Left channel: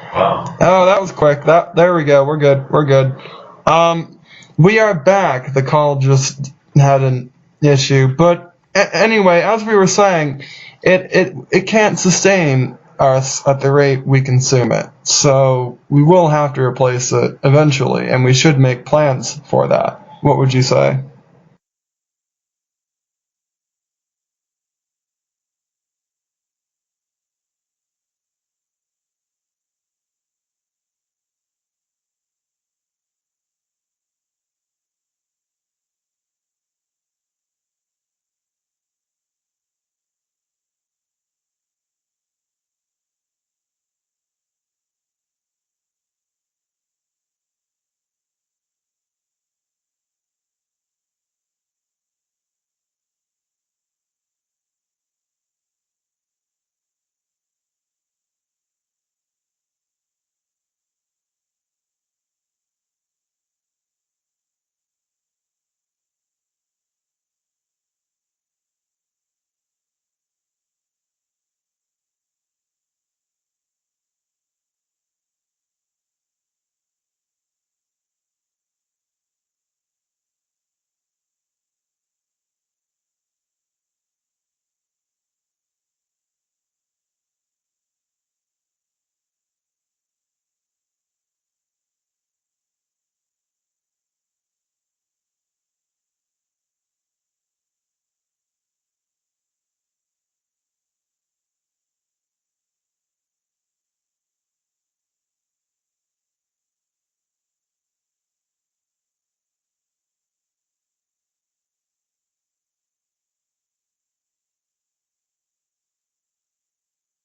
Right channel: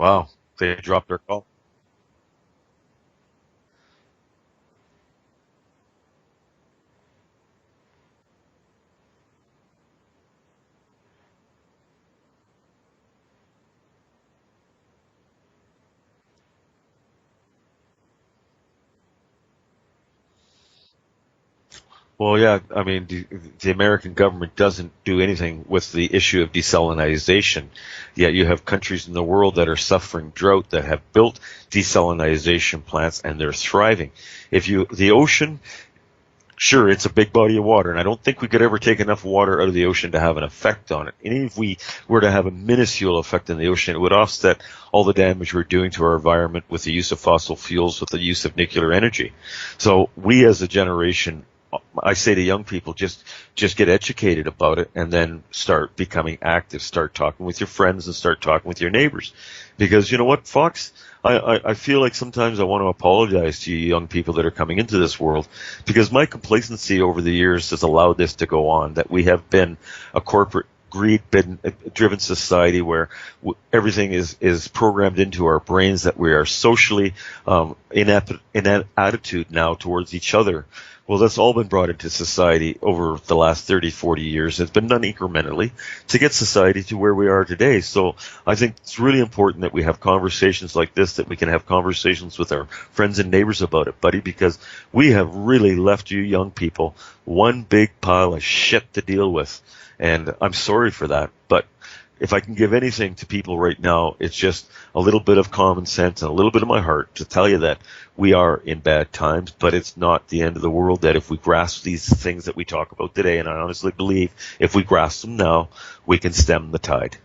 Wow. Oh, that was Doctor. quick. There we go. We're good. We're good. We are back. The call just had an issue, but anyway, as we were saying, it can't sustain us at the rate we consume it. So we will have to replace it eventually, and we should make plans for that. What would you say? Well, yeah, I mean, the American government doesn't do anything with the issue of desalinization. Yet you have countries in the world that are suffering drought that have built desalinization plants and they're thriving. The ocean, sure, it's a big body of water, and I don't think we could ever take enough water out of the ocean to have an effect on it. And even if we were to have a minuscule effect in the ocean, it would offset all the damage we're doing to our environment with the use of fossil fuels, with the use of nuclear energy. So we as a generation, I say to young people, just get educated about it and then start becoming active. Start talking with your friends and start talking with your neighbors. Because you know what, Fox? I feel like sometimes I want to apologize to you young people that are coming into this world because my complacency over the years has allowed this to go on, that we have been a corporate greed-driven society where everything is programmed into our brains, that we are socially in attitude now towards each other. Well, that's all been brought into society over the last 30, 40 years. It's been done incrementally to get society to where we are today. So I think it's really important that we have conversations like this, that we can have conversations with our friends and neighbors about it, buddy, because we have really left you young people one big pile of shit to deal with. And I'm sorry for that. But if I can give anything to people right now, it's just a little bit of common sense and a little bit of my heart to tell you that we are in bad times, but it's not the end of the world, that if we grasp these things that we talk about today, and I honestly believe if we grasp them now, we can stem the tide.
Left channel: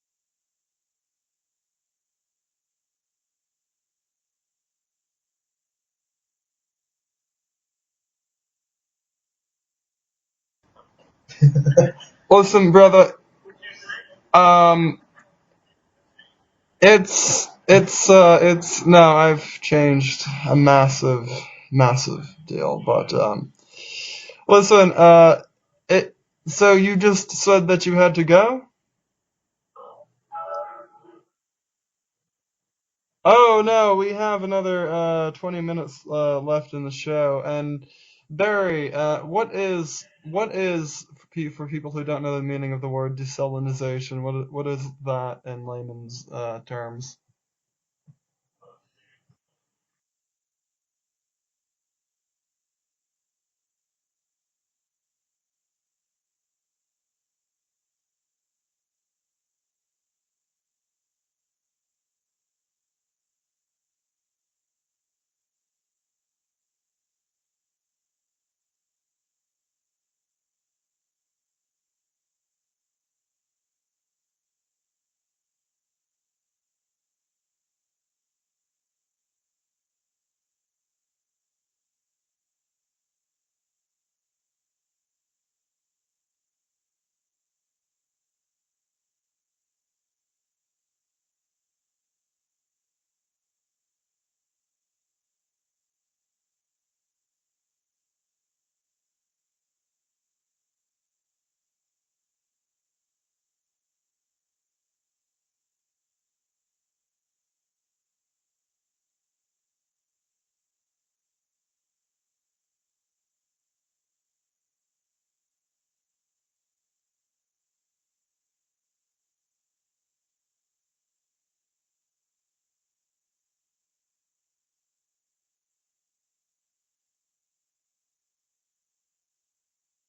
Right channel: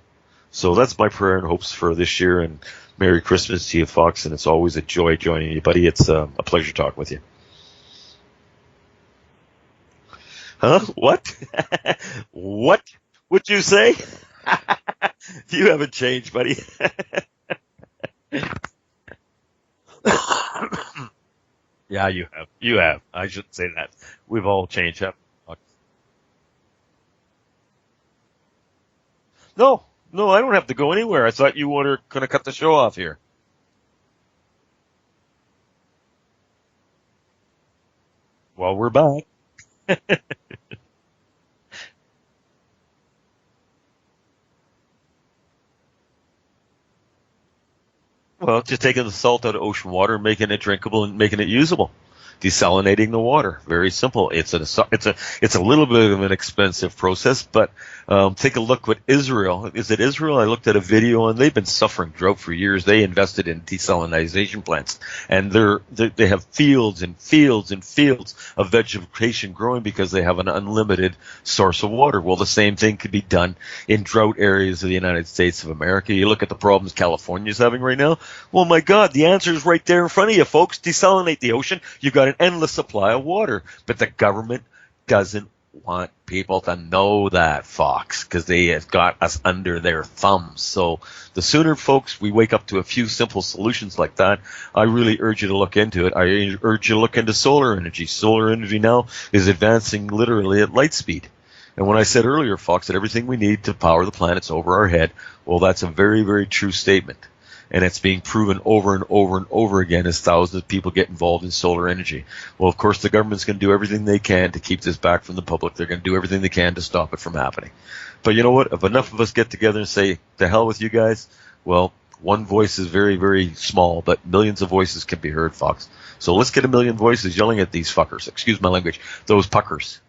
So that's my prayer and hopes for this year, and Merry Christmas to you, Fox, and it's always a joy joining you, buddy. It's a pleasure talking with you. Huh? What? Listen, What brother. would you say? Um, You haven't changed, buddy. it's no, I've changed a massive, Yeah, massive you have. You deal. have. But I shouldn't say that. We've all listen, changed, haven't we? it. So you just said that you had to go? No, no, I don't have to go anywhere. I thought you were going to cut the show off here. Oh no, we have another 20 minutes left in the show. And Well, we're Barry, back. what is for people who don't know the meaning of the word desalinization? What is that in layman's terms? Well, just taking the salt out of ocean water, making it drinkable, and making it usable. Desalinating the water. Very simple. It's a little bit of an expensive process, but take a look what Israel. Is it Israel? I looked at a video and they've been suffering drought for years. They invested in desalinization plants, and they have fields and fields and fields of vegetation growing because they have an unlimited source of water. Well, the same thing could be done in drought areas of the United States of America. You look at the problems California's having right now. Well, my God, the answer is right there in front of you, folks. Desalinate the ocean. You've got an endless supply of water. But the government doesn't want people to know that, Fox, because they have got us under their thumbs. So the sooner, folks, we wake up to a few simple solutions like that, I really urge you to look into it. I urge you to look into solar energy. Solar energy now is advancing literally at light speed. And when I said earlier, Fox, that everything we need to power the planet's over our head, well, that's a very, very true statement. And it's being proven over and over and over again as thousands of people get involved in solar energy. Well, of course, the government's going to do everything they can to keep this back from the public. They're going to do everything they can to stop it from happening. But you know what? If enough of us get together and say, to hell with you guys, well, one voice is very, very small, but millions of voices can be heard, Fox. So let's get a million voices yelling at these fuckers. Excuse my language. Those puckers.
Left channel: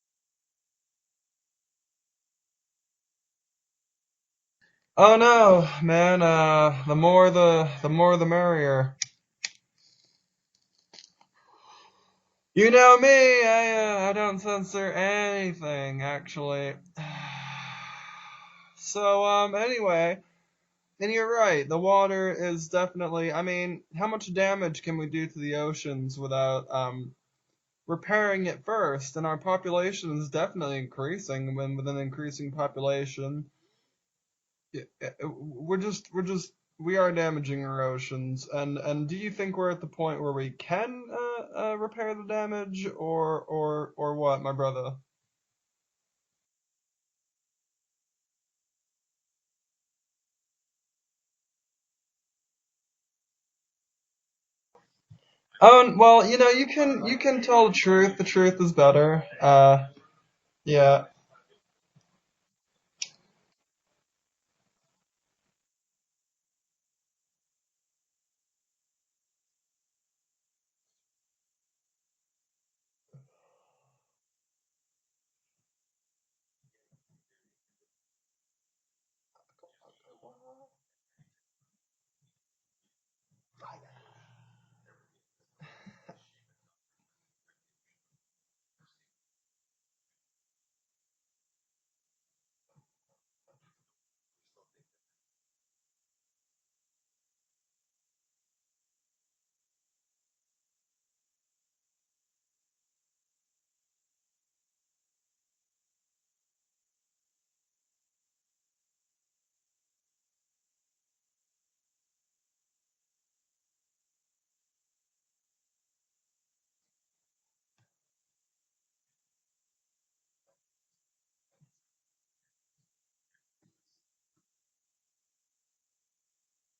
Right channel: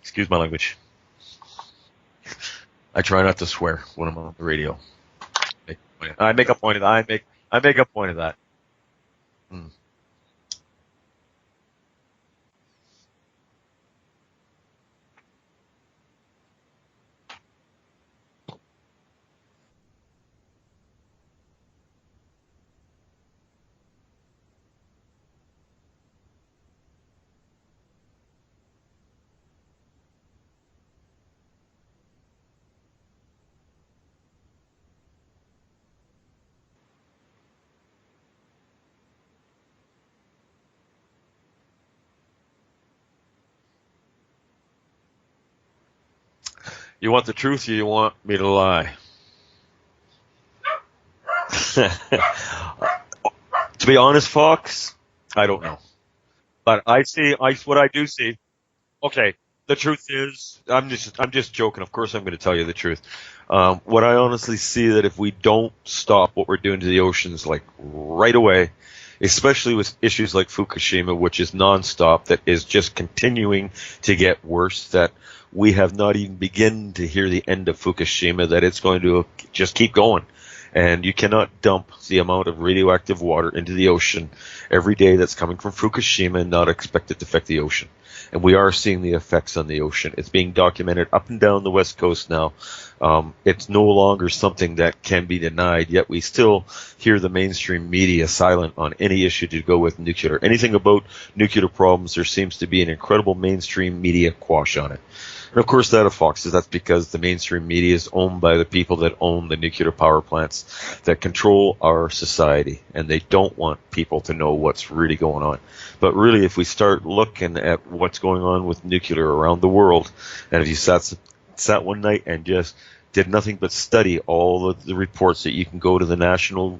Excuse my language. I try not to swear when I'm on the radio. Oh no, man. I make a point of that. I make a The point more of the that. merrier. Mm. You know me. I don't censor anything actually. So anyway, and you're right. The water is definitely. I mean, how much damage can we do to the oceans without repairing it first? And our population is definitely increasing. When with an increasing population, we are damaging our oceans. And do you think we're at the point where we can repair the damage, or what, my brother? You want the truth or you want me to lie? To be honest, Fox, I don't know. Well, you know, you But can you can tell the what I do truth. The see. truth is better. Okay, the truth is, Yeah. I'm just joking. Of course, I'm going to tell you the truth. What I honestly see that if we don't stop what we're doing to the oceans, like right away, especially with issues like Fukushima, which is nonstop, that is just continuing to get worse, that we have not even begun to hear the end of Fukushima, that it's going to just keep going. And you cannot dump the amount of radioactive water into the ocean every day that's coming from Fukushima and not expect it to affect the ocean. And we are seeing the effects on the ocean. It's being documented up and down the West Coast now. It's no longer something that can be denied, yet we still hear the mainstream media silent on any issue to go with nuclear. Anything about nuclear problems, there seems to be an incredible mainstream media quash on it. And of course, that of Fox's, that's because the mainstream media is owned by the people that own the nuclear power plants that control our society, and they don't want people to know what's really going on. But really, if we start looking at what's going on with nuclear around the world, and if you sat one night and just did nothing but study all of the reports that you can go to the National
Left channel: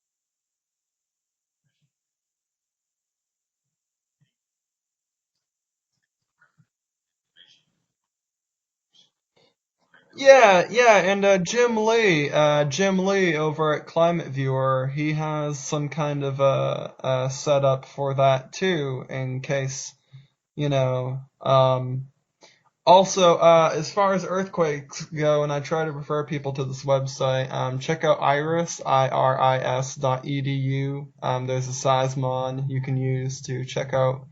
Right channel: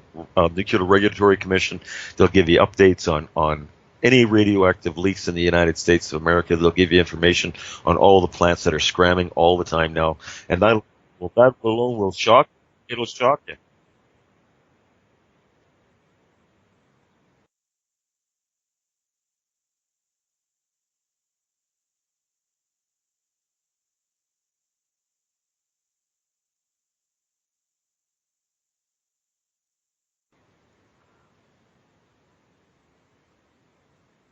Nuclear Regulatory Commission, they'll give you updates on any radioactive leaks in the United States of America. They'll give you information on all the plants that are scramming all the time now. And Yeah, that, yeah, and that alone will shock, Jim it'll Lee shock you. over at Climate Viewer, he has some kind of a setup for that too, in case, you know. Also, as far as earthquakes go, and I try to refer people to this website, check out iris.edu. There's a seismon you can use to check out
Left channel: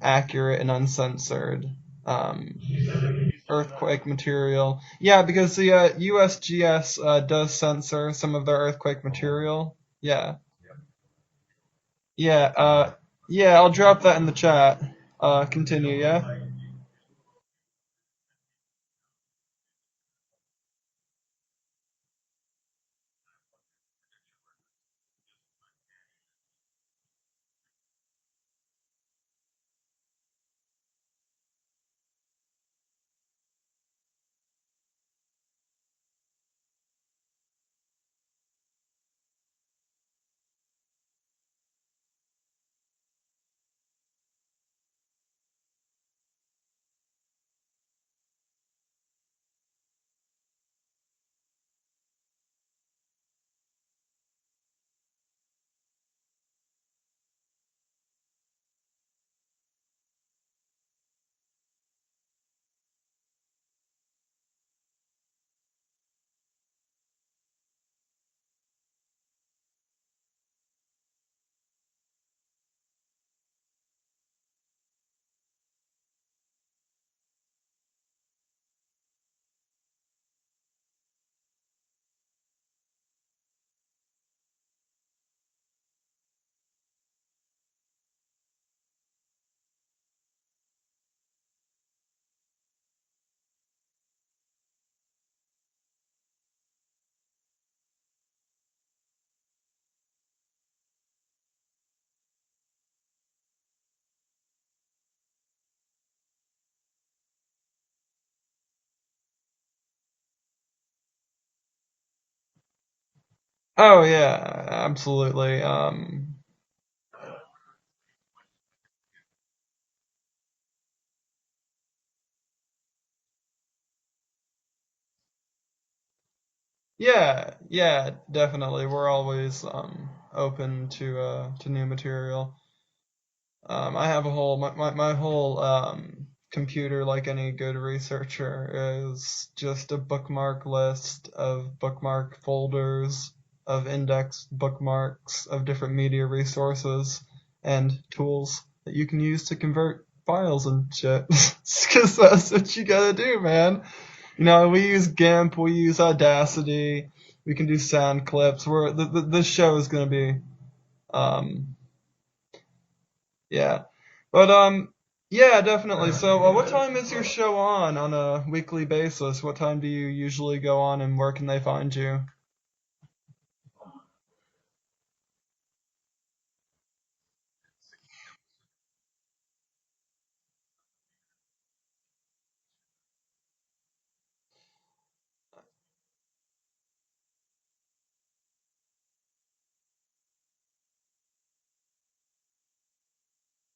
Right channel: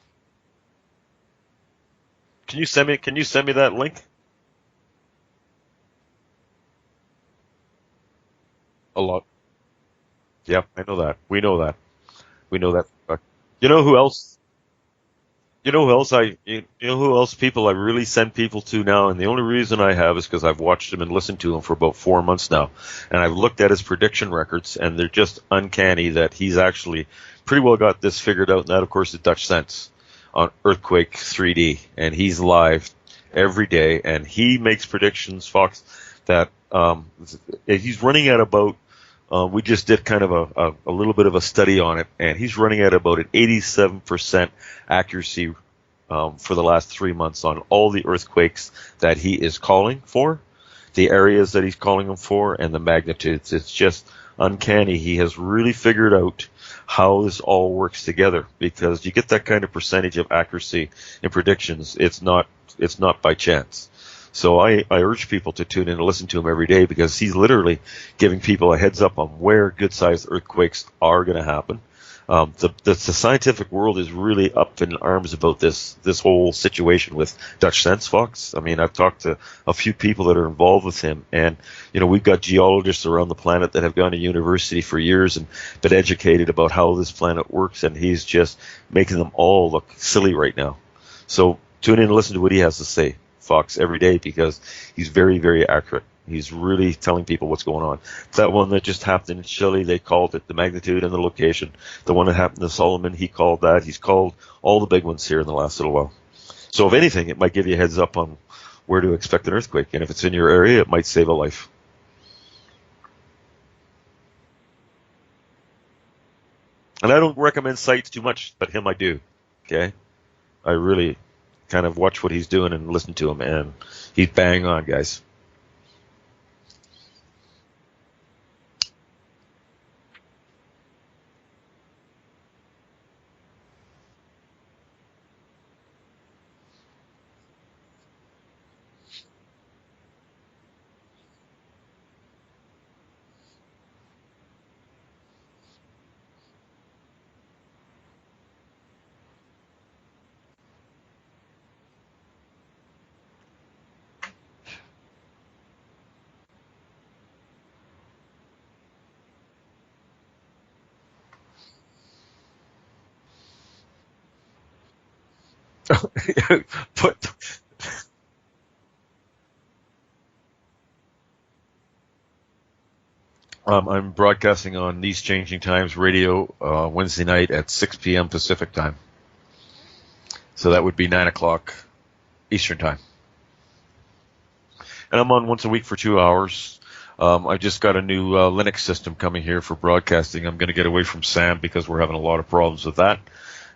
accurate and uncensored Can you send me that link? earthquake material. Yeah, because the USGS does censor some of their A earthquake lot. material. Yeah, Yep, I know that. We know that. yeah, We know that. But yeah. you I'll know who drop that in else? the chat. You know who Continue, else yeah. you know who else people I really send people to now, and the only reason I have is because I've watched him and listened to him for about 4 months now, and I've looked at his prediction records, and they're just uncanny that he's actually pretty well got this figured out. And that, of course, is Dutch Sense on Earthquake 3D, and he's live every day, and he makes predictions, Fox, that he's running at about. We just did kind of a little bit of a study on it, and he's running at about an 87% accuracy for the last 3 months on all the earthquakes that he is calling for, the areas that he's calling them for, and the magnitudes. It's just uncanny. He has really figured out how this all works together, because you get that kind of percentage of accuracy in predictions. It's not by chance. So I urge people to tune in and listen to him every day, because he's literally giving people a heads up on where good-sized earthquakes are going to happen. The scientific world is really up in arms about this whole situation with Dutch Sense, Fox. I mean, I've talked to a few people that are involved with him, and we've got geologists around the planet that have gone to university for years and been educated about how this planet works, and he's just making them all look silly right now. So tune in and listen to what he has to say, Fox, every day, because he's very, very accurate. He's really telling people what's going on. That one that just happened in Chile, they called it the magnitude and the location. The one that happened in Solomon, he called that. He's called all the big ones here in the last little while. So if anything, it might give you a heads up on where to expect an earthquake. And if it's in your area, it might save a life. Oh yeah, absolutely. And I don't recommend sites too much, but him I do. Okay? I really kind of watch what he's doing and listen to him, and he's bang on, guys. Yeah, yeah, definitely. We're always open to new material. I have a whole my whole computer, like any good researcher, is just a bookmark list of bookmark folders of indexed bookmarks of different media resources and tools that you can use to convert files and shit. Because that's what you gotta do, man. We use GIMP, we use Audacity, we can do sound clips. This show is gonna be, um, yeah, but yeah, definitely. So, what time is your But show on a weekly basis? What time do you usually go on, and where can they find you? I'm broadcasting on These Changing Times radio Wednesday night at 6 p.m. Pacific time. So that would be 9 o'clock Eastern time. And I'm on once a week for 2 hours. I just got a new Linux system coming here for broadcasting. I'm going to get away from Sam because we're having a lot of problems with that.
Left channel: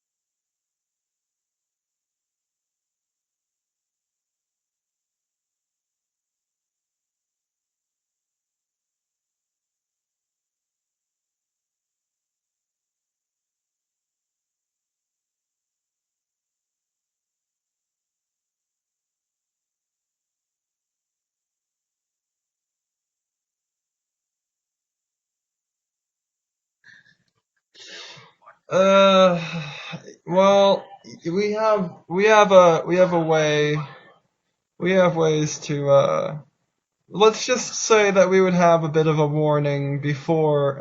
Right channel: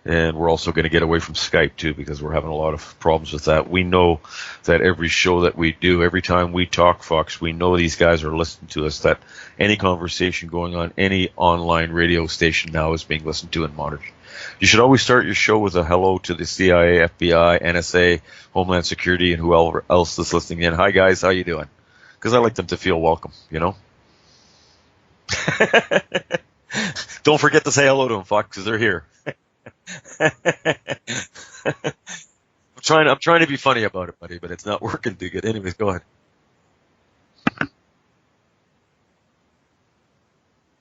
And we're also going to get away from Skype too because we're having a lot of problems with that. We know that every show that we do, every time we talk, Fox, we know these guys are listening to us, that any conversation going on any online radio station now is being listened to and monitored. You should always start your show with a hello to the CIA, FBI, NSA, Homeland Security, and whoever else is listening in. Hi, guys. How you doing? Because I like them to feel welcome, you know? Don't forget to say hello to them, Fox, because they're here. Well, I'm trying to be funny about it, buddy, but it's not we working have too good. ways Anyways, go ahead. to let's just say that we would have a bit of a warning before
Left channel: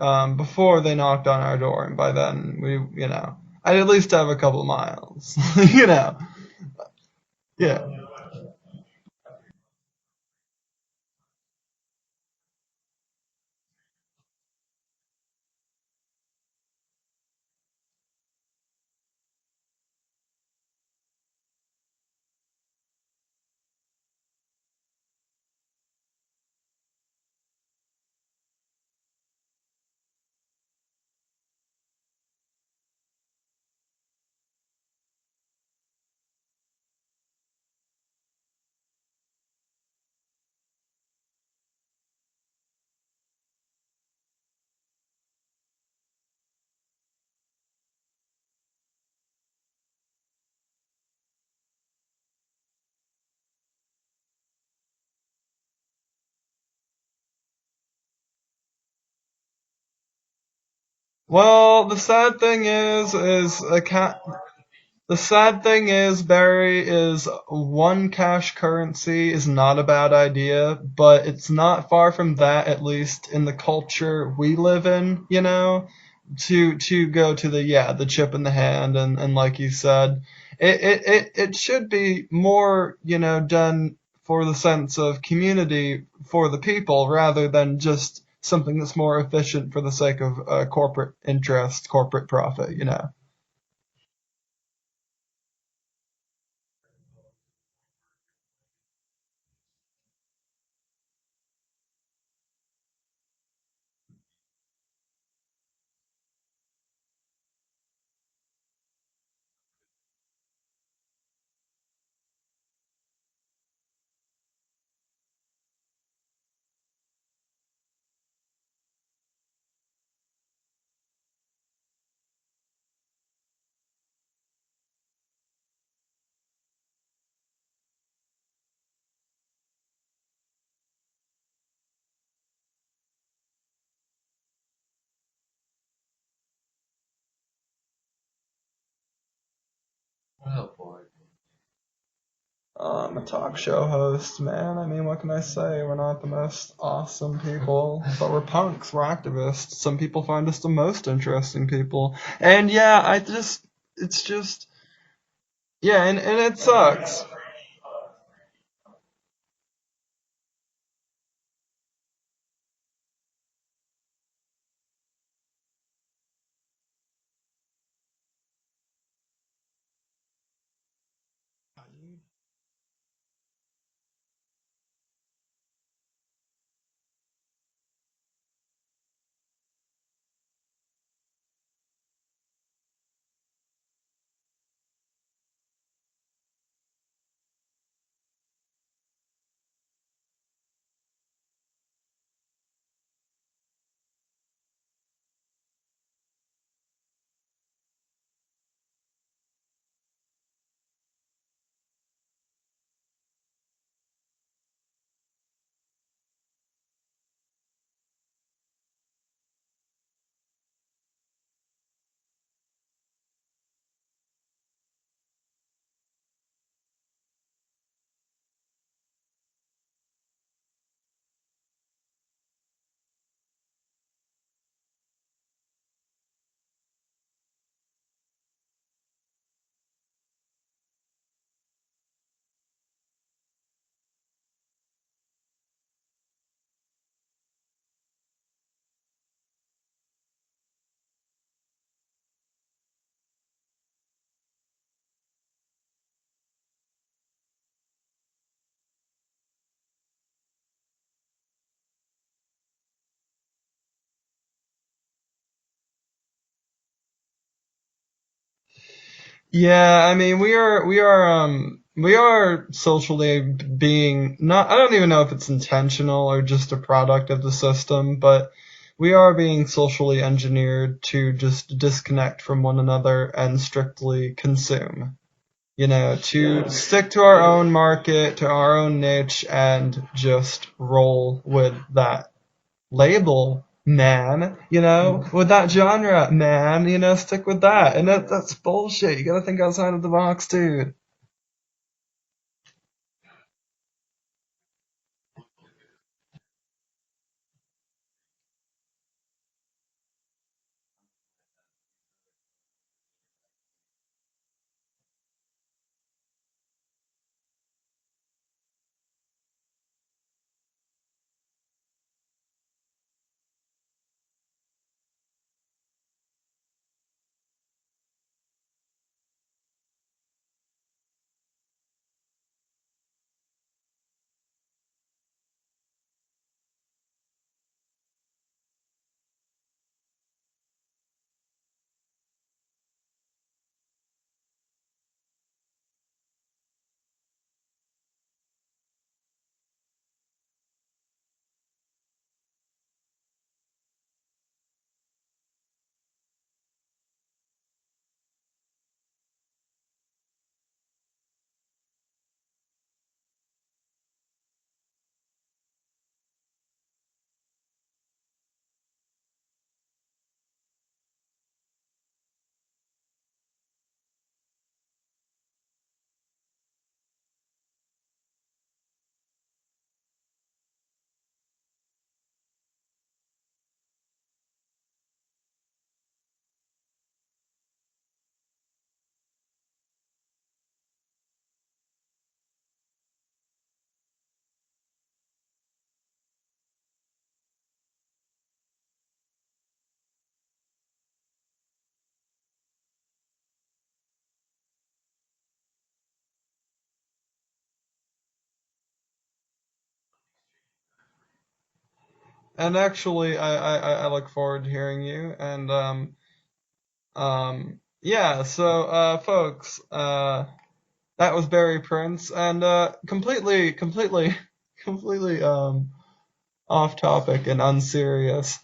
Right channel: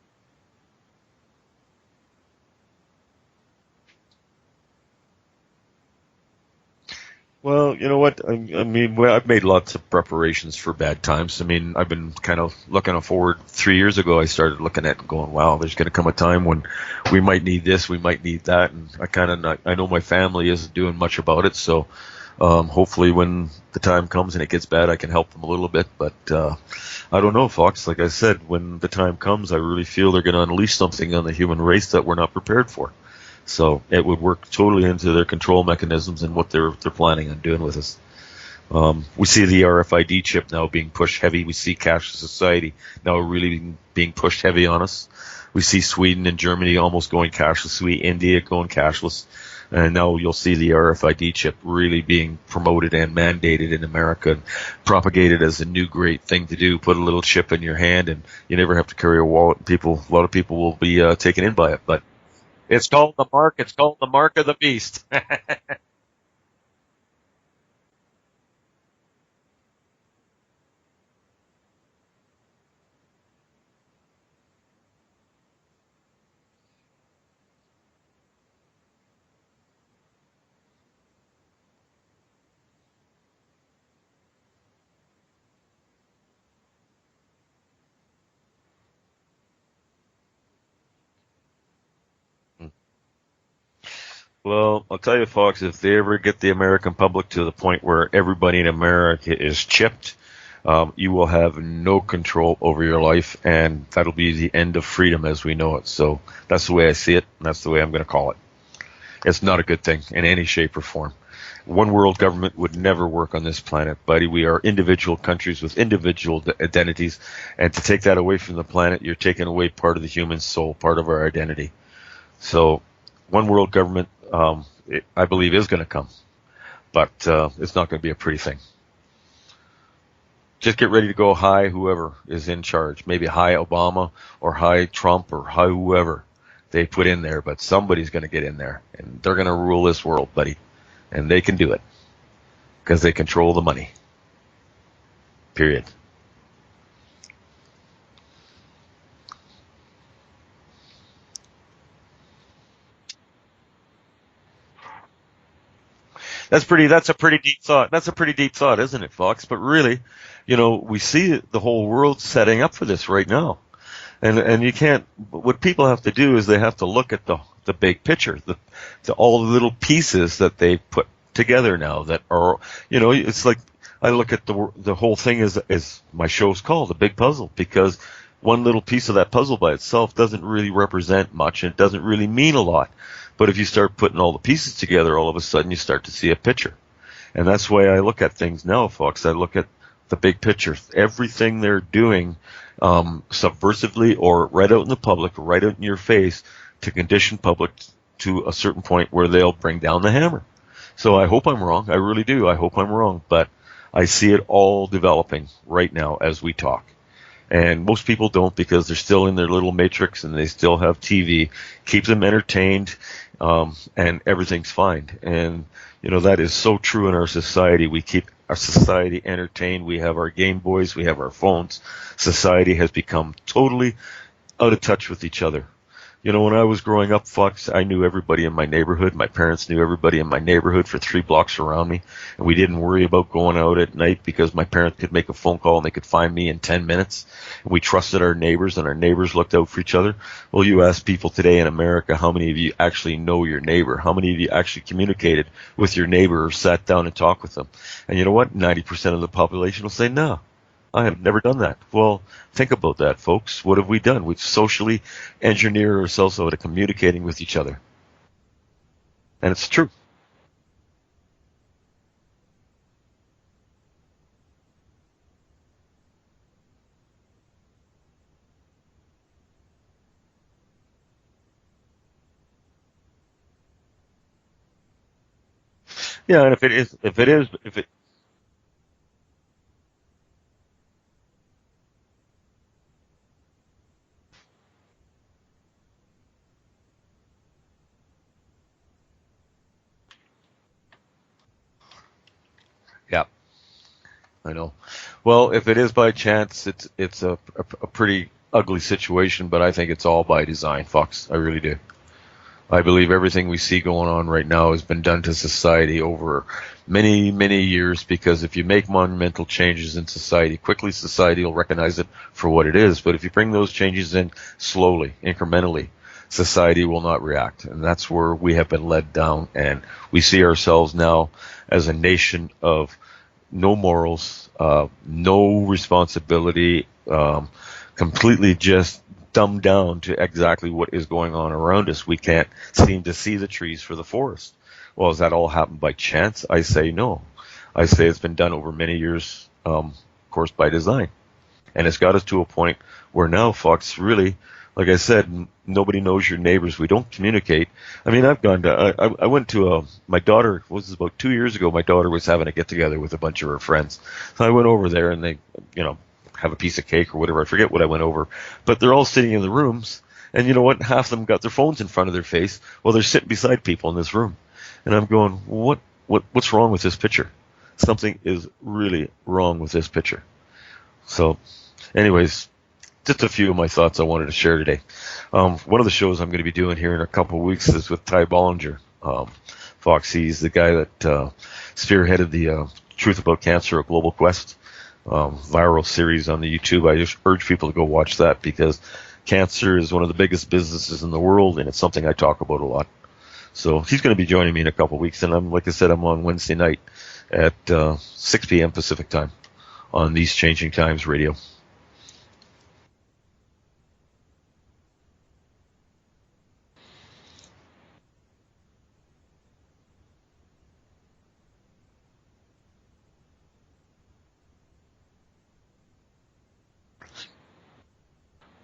they knocked on our door, and by then I'd at least have a couple of miles, you know. Well, Yeah. you know what? I mean, I've made lots of preparations for bad times. I mean, I've been kind of looking forward. 3 years ago, I started looking at and going, wow, there's going to come a time when we might need this, we might need that. And I know my family isn't doing much about it. So, hopefully when the time comes and it gets bad, I can help them a little bit. But, I don't know, Fox. Like I said, when the time comes, I really feel they're going to unleash something on the human race that we're not prepared for. So it would work totally into their control mechanisms and what they're planning on doing with us. We see the RFID chip now being pushed heavy. We see cashless society now really being pushed heavy on us. We see Sweden and Germany almost going cashless. We India going cashless. And now you'll see the RFID chip really being promoted and mandated in America and propagated as a new great thing to do. Put a little chip in your hand and you never have to carry a wallet. A lot of people will be taken in by it. Well, the But sad thing it's called is, the mark. is It's a called the cat. mark of the beast. The sad thing is, Barry, is one cash currency is not a bad idea, but it's not far from that, at least in the culture we live in, to go to the chip in the hand and like you said, it should be more, done for the sense of community for the people rather than just something that's more efficient for the sake of corporate interest, corporate profit. Well, I'll tell you, folks, if they ever get the American public to the point where everybody in America is chipped, you will have no control over your life, and that'll be the end of freedom as we know it. So that's the way I see it, and that's the way I'm going to call it. It's not a good thing in any shape or form. One world government would never work on this planet, buddy. We are individual countries with individual identities, and to take that away from the planet, you're taking away part of the human soul, part of our identity. So one world government, I believe, is going to come, but it's not going to be a pretty thing. Just get ready to go high whoever is in charge. Maybe high Obama or high Trump or high whoever they put in there, but somebody's going to get in there, and they're going to rule this world, buddy, and they can do it because they control the money. Show host, man. I mean, what can I say? Period. We're not the most awesome people, but we're punks. We're activists. Some people find us the most interesting people, and it's just. Yeah, and it That's sucks. a pretty deep thought. That's a pretty deep thought, isn't it, Fox? But really, we see the whole world setting up for this right now. And you can't, what people have to do is they have to look at the big picture, all the little pieces that they put together now that are, it's like, I look at the whole thing as my show's called, The Big Puzzle, because one little piece of that puzzle by itself doesn't really represent much and it doesn't really mean a lot. But if you start putting all the pieces together, all of a sudden you start to see a picture. And that's the way I look at things now, folks. I look at the big picture. Everything they're doing subversively or right out in the public, right out in your face to condition public to a certain point where they'll bring down the hammer. So I hope I'm wrong. I really do. I hope I'm wrong. But I see it all developing right now as we talk. And most people don't because they're still in their little matrix and they still have TV. Keep them entertained, and everything's fine. And, that is so true in our society. We keep our society entertained. We have our Game Boys. We have our phones. Society has become totally out of touch with each other. When I was growing up, Fox, I knew everybody in my neighborhood. My parents knew everybody in my neighborhood for 3 blocks around me. And we didn't worry about going out at night because my parents could make a phone call and they could find me in 10 minutes. And we trusted our neighbors and our neighbors looked out for each other. Well, you ask people today in America, how many of you actually know your neighbor? How many of you actually communicated with your neighbor or sat down and talked with them? And you know what? 90% of the population will say no. I have never done that. Well, think about that, folks. What have we done? We've socially engineered ourselves out of communicating with each other. And it's true. Yeah, I mean, we are socially being not, I don't even know if it's intentional or just a product of the system, but we are being socially engineered to just disconnect from one another and strictly consume. Yeah, and To stick if to it our is, own if it, market, to our own niche, and just roll with that label, man, with that genre, man, stick with that. And that's bullshit. You gotta think outside of the box, dude. yeah, I know. Well, if it is by chance, it's a pretty ugly situation, but I think it's all by design, Fox. I really do. I believe everything we see going on right now has been done to society over many, many years because if you make monumental changes in society, quickly society will recognize it for what it is. But if you bring those changes in slowly, incrementally, society will not react. And that's where we have been led down. And we see ourselves now as a nation of no morals, no responsibility, completely just dumbed down to exactly what is going on around us. We can't seem to see the trees for the forest. Well, has that all happened by chance? I say no. I say it's been done over many years, of course, by design. And it's got us to a point where now, Fox, really, like I said, nobody knows your neighbors. We don't communicate. I mean, I've gone to, I went to my daughter, was this about 2 years ago? My daughter was having a get together with a bunch of her friends. So I went over there and they, you know, have a piece of cake or whatever. I forget what I went over, but they're all sitting in the rooms. And you know what? Half of them got their phones in front of their face while they're sitting beside people in this room. And I'm going, what's wrong with this picture? Something is really wrong with this picture. So, anyways, just a few of my thoughts I wanted to share today. One of the shows I'm going to be doing here in a couple of weeks is with Ty Bollinger. Fox, he's the guy that spearheaded the Truth About Cancer, a Global Quest viral series on the YouTube. I just urge people to go watch that because cancer is one of the biggest businesses in the world, and it's something I talk about a lot. So he's going to be joining me in a couple of weeks, and like I said, I'm on Wednesday night at 6 p.m. Pacific time on These Changing Times Radio. And actually, I look forward to hearing you. And yeah. So, folks, that was Barry Prince, and completely, completely off topic and unserious.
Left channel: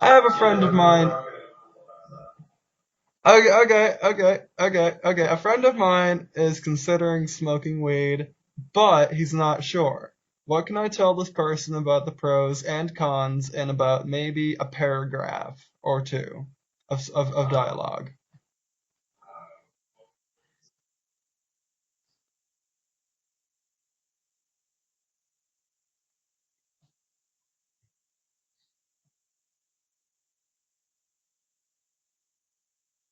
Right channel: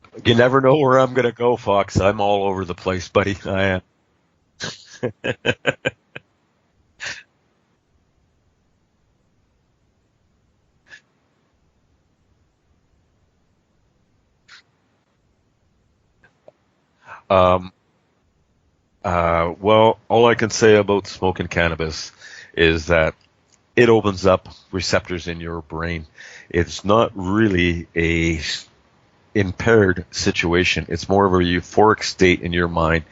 I have a You never friend of know where mine. I'm going to go, Fox. I'm all over the place, buddy, Okay, man. okay. A friend of mine is considering smoking weed, but he's not sure. What can I tell this person about the pros and cons in about maybe a paragraph or two of Um, dialogue? well, all I can say about smoking cannabis is that it opens up receptors in your brain. It's not really a impaired situation. It's more of a euphoric state in your mind.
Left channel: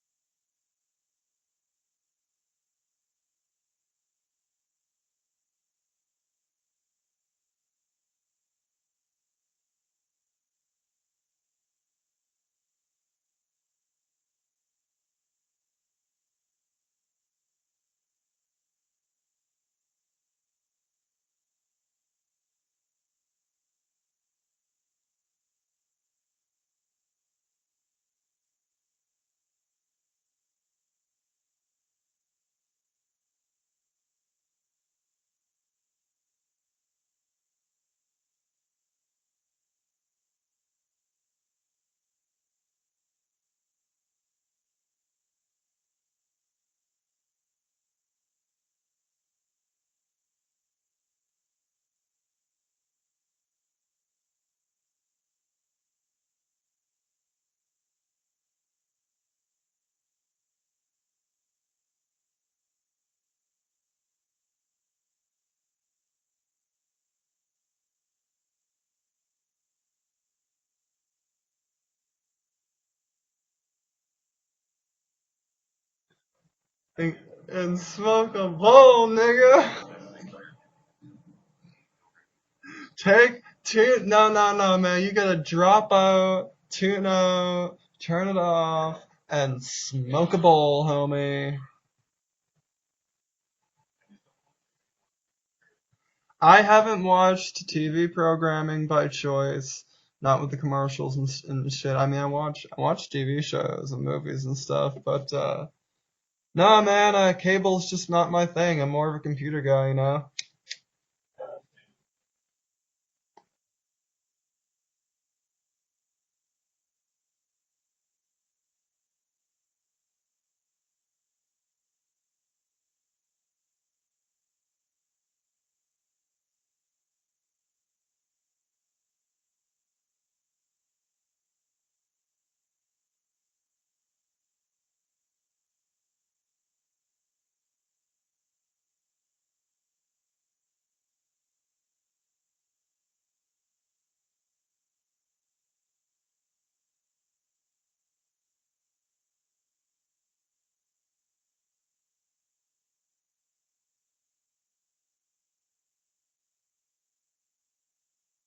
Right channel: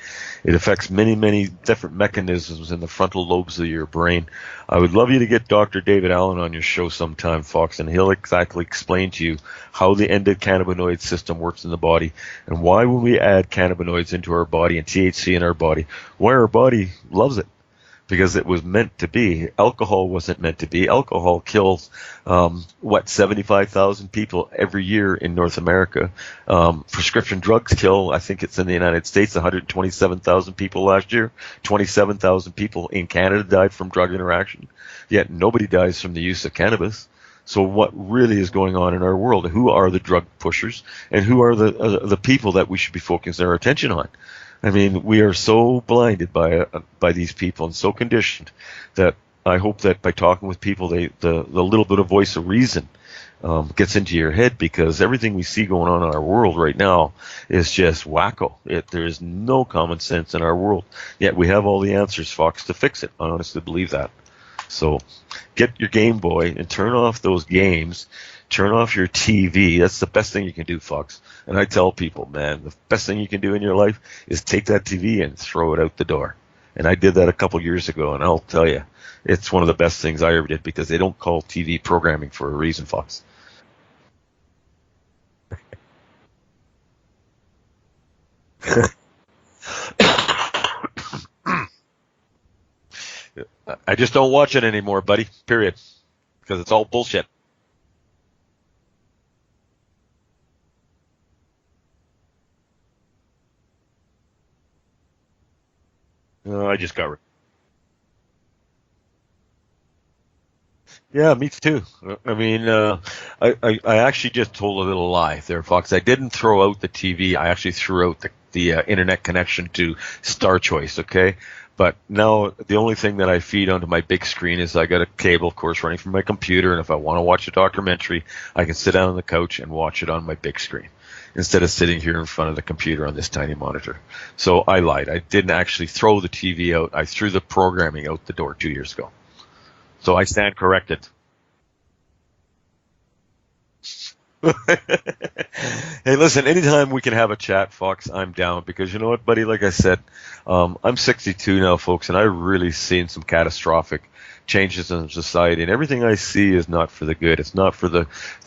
It affects many, many different mechanisms in the frontal lobes of your brain. I would love you to get Dr. David Allen on your show sometime, Fox, and he'll exactly explain to you how the endocannabinoid system works in the body and why when we add cannabinoids into our body and THC in our body, why our body loves it because it was meant to be. Alcohol wasn't meant to be. Alcohol kills, 75,000 people every year in North America. Prescription drugs kill, I think it's in the United States, 127,000 people last year. 27,000 people in Canada died from drug interaction. Yet nobody dies from the use of cannabis. So what really is going on in our world? Who are the drug pushers and who are the people that we should be focusing our attention on? I mean, we are so blinded by these people and so conditioned that I hope that by talking with people, the little bit of voice of reason gets into your head because everything we see going on in our world right now is just wacko. There is no common sense in our world, yet we have all the answers, Fox, to fix it. I honestly believe that. So get your Game Boy and turn off those games. Turn off your TV. That's the best thing you can do, Fox. And I tell people, man, the best thing you can do in your life is take that TV and throw it out the door. And I did that a couple And years ago, and smoke I'll a tell you, bowl, it's one of nigga. the best things I ever did because they don't call TV programming for a reason, Fox. No, no, no, man. You gotta drop out, tune out, turn it off, and smoke a bowl, homie. I just don't watch it anymore, buddy. Period. because I it's all haven't bullshit. watched TV programming by choice, not with the commercials and shit. I mean, I watch TV shows and movies and stuff, but I no, just got man, cable's just not my thing. I'm more of a computer guy, you know. Yeah, me too. I mean, I actually just told a little lie there, Fox. I didn't throw out the TV. I actually threw out the internet connection to Star Choice. Okay, but now the only thing that I feed onto my big screen is I got a cable, of course, running from my computer, and if I want to watch a documentary, I can sit down on the couch and watch it on my big screen instead of sitting here in front of the computer on this tiny monitor. So I lied. I didn't actually throw the TV out. I threw the programming out the door 2 years ago. So I stand corrected. Hey, listen, anytime we can have a chat, Fox, I'm down because you know what, buddy? Like I said, I'm 62 now, folks, and I've really seen some catastrophic changes in society, and everything I see is not for the good. It's not for the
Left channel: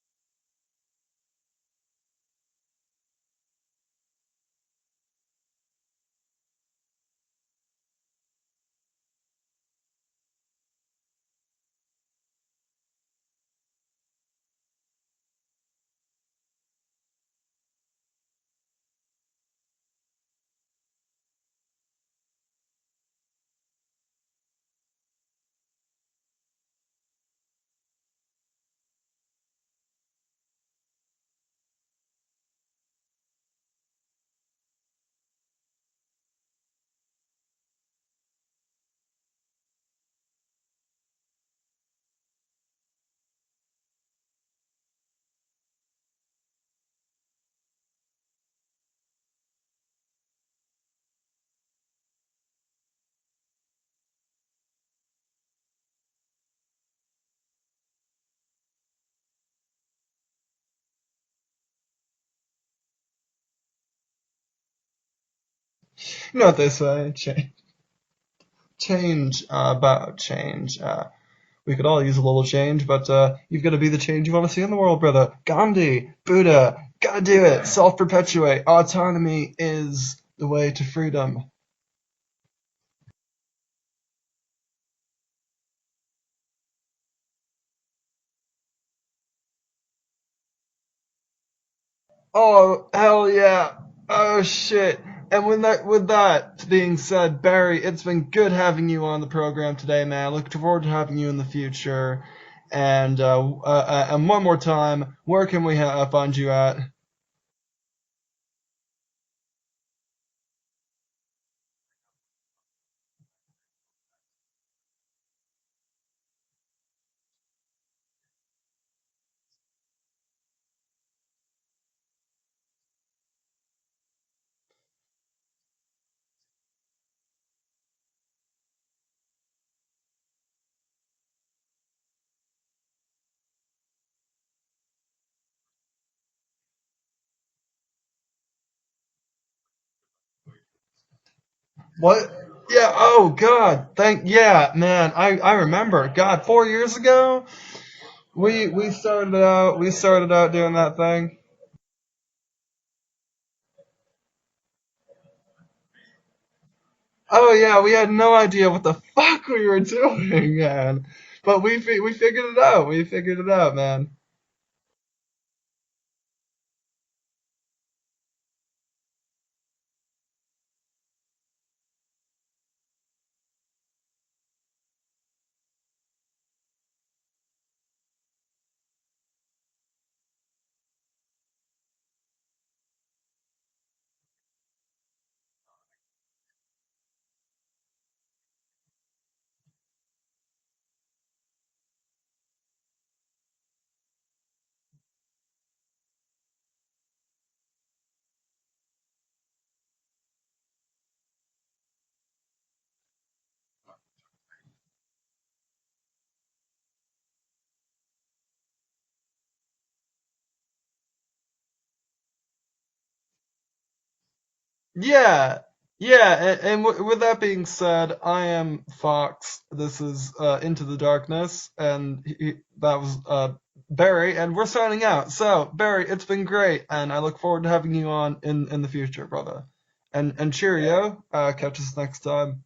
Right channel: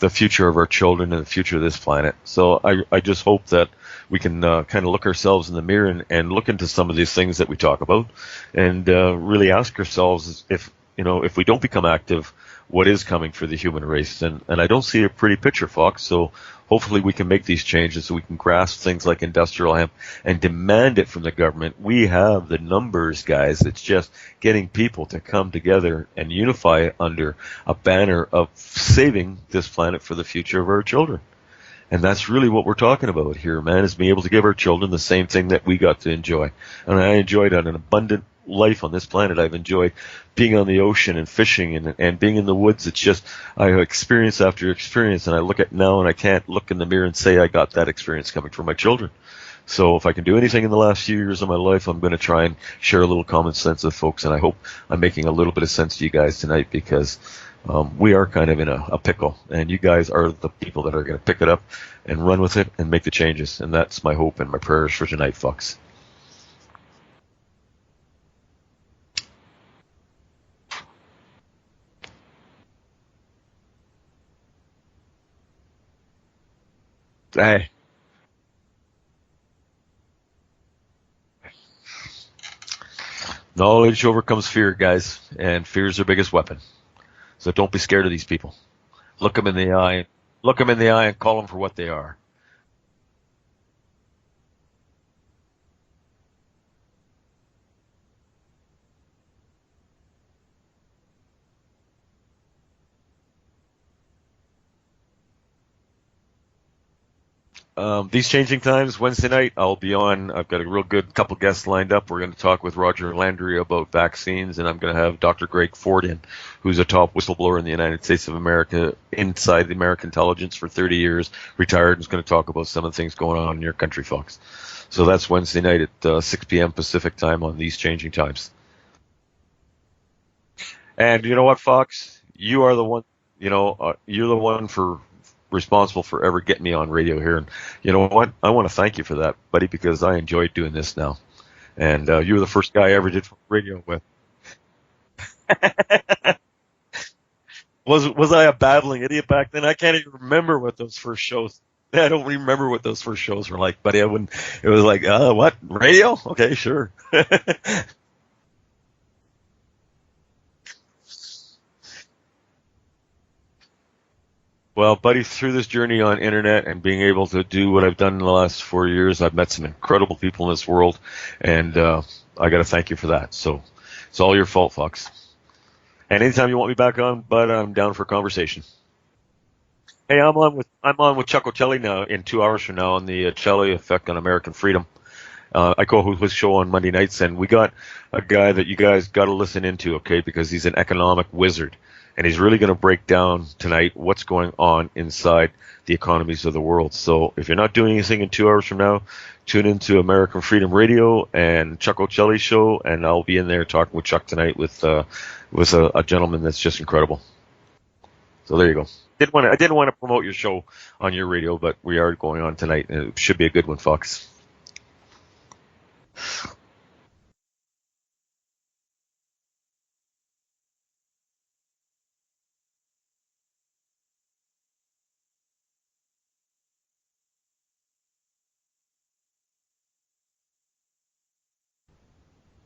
future of our children and the future of this planet. So I just hope that we can kind of look ourselves in the mirror and look into some of these things that we talk about and really ask ourselves if, if we don't become active, what is coming for the human race. And I don't see a pretty picture, Fox. So hopefully we can make these changes so we can grasp things like industrial hemp and demand it from the government. We have the numbers, guys. It's just getting people to come together and unify under a banner of saving this planet for the future of our children. And that's really what we're talking about here, man, is being able to give our children the same thing that we got to enjoy. And I enjoyed an abundant life on this planet. I've enjoyed being on the ocean and fishing and being in the woods. It's just, I have experience after experience, and I look at now and I can't look in the mirror and say I got that experience coming from my children. So if I can do anything in the last few years of my life, I'm going to try and share a little common sense with folks. And I hope I'm making a little bit of sense to you guys tonight because we are kind of in a pickle, and you guys are the people that are going to pick it up and run with it and make the changes. And that's my hope and my prayers for tonight, Fox. You know what they say, change about change. We could all use a little change, but you've got to be the change you want to see in the world, brother. Gandhi, Buddha, gotta do Hey, it. Self-perpetuate. Autonomy is the way to freedom. knowledge overcomes fear, guys, and fear is their biggest weapon. So don't be scared of these people. Look them in the eye. Look them in the eye and call them for what they are. Oh, hell yeah. Oh, shit. And with that being said, Barry, it's been good having you on the program today, man. I look forward to having you in the future. And one more time, where can we find you at? These changing times, Wednesday night, I'll be on. I've got a real good couple guests lined up. We're going to talk with Roger Landry about vaccines, and I'm going to have Dr. Greg Ford in, who's a top whistleblower in the United States of America, inside the American intelligence for 30 years, retired, and is going to talk about some of the things going on in your country, folks. So that's Wednesday night at 6 p.m. Pacific time on these changing times. And you know what, Fox? You are the one. You're the one for responsible for ever getting me on radio here. And you know what? I want to thank you for that, buddy, because I enjoy doing this now. And What? you were the first guy Yeah, I ever did oh, radio God. with. Yeah, man. I remember. God, 4 years ago, Was I a we babbling idiot back then? I we can't even started out remember doing what that those first thing. shows. I don't remember what those first shows were like, buddy. I wouldn't. It was like, what radio? Okay, sure. Oh yeah, we had no idea what the fuck we were doing, man. But we figured it out. We figured it out, man. Well, buddy, through this journey on internet and being able to do what I've done in the last 4 years, I've met some incredible people in this world, and I got to thank you for that. So it's all your fault, Fox. And anytime you want me back on, bud, I'm down for a conversation. Hey, I'm on with Chuck O'Celli now in 2 hours from now on the Celli Effect on American Freedom. I co-host his show on Monday nights, and we got a guy that you guys got to listen into, okay? Because he's an economic wizard, and he's really going to break down tonight what's going on inside the economies of the world. So if you're not doing anything in 2 hours from now, tune into American Freedom Radio and Chuck O'Celli's show, and I'll be in there talking with Chuck tonight with a gentleman that's just incredible. So there you go. I didn't want to promote your show on your radio, but we are going on tonight, and it should be a good one, Fox. Yeah, yeah. With that being said, I am Fox. This is Into the Darkness, and that was Barry, and we're signing out. So Barry, it's been great, and I look forward to having you on in the future, brother. And cheerio. Catch us next time.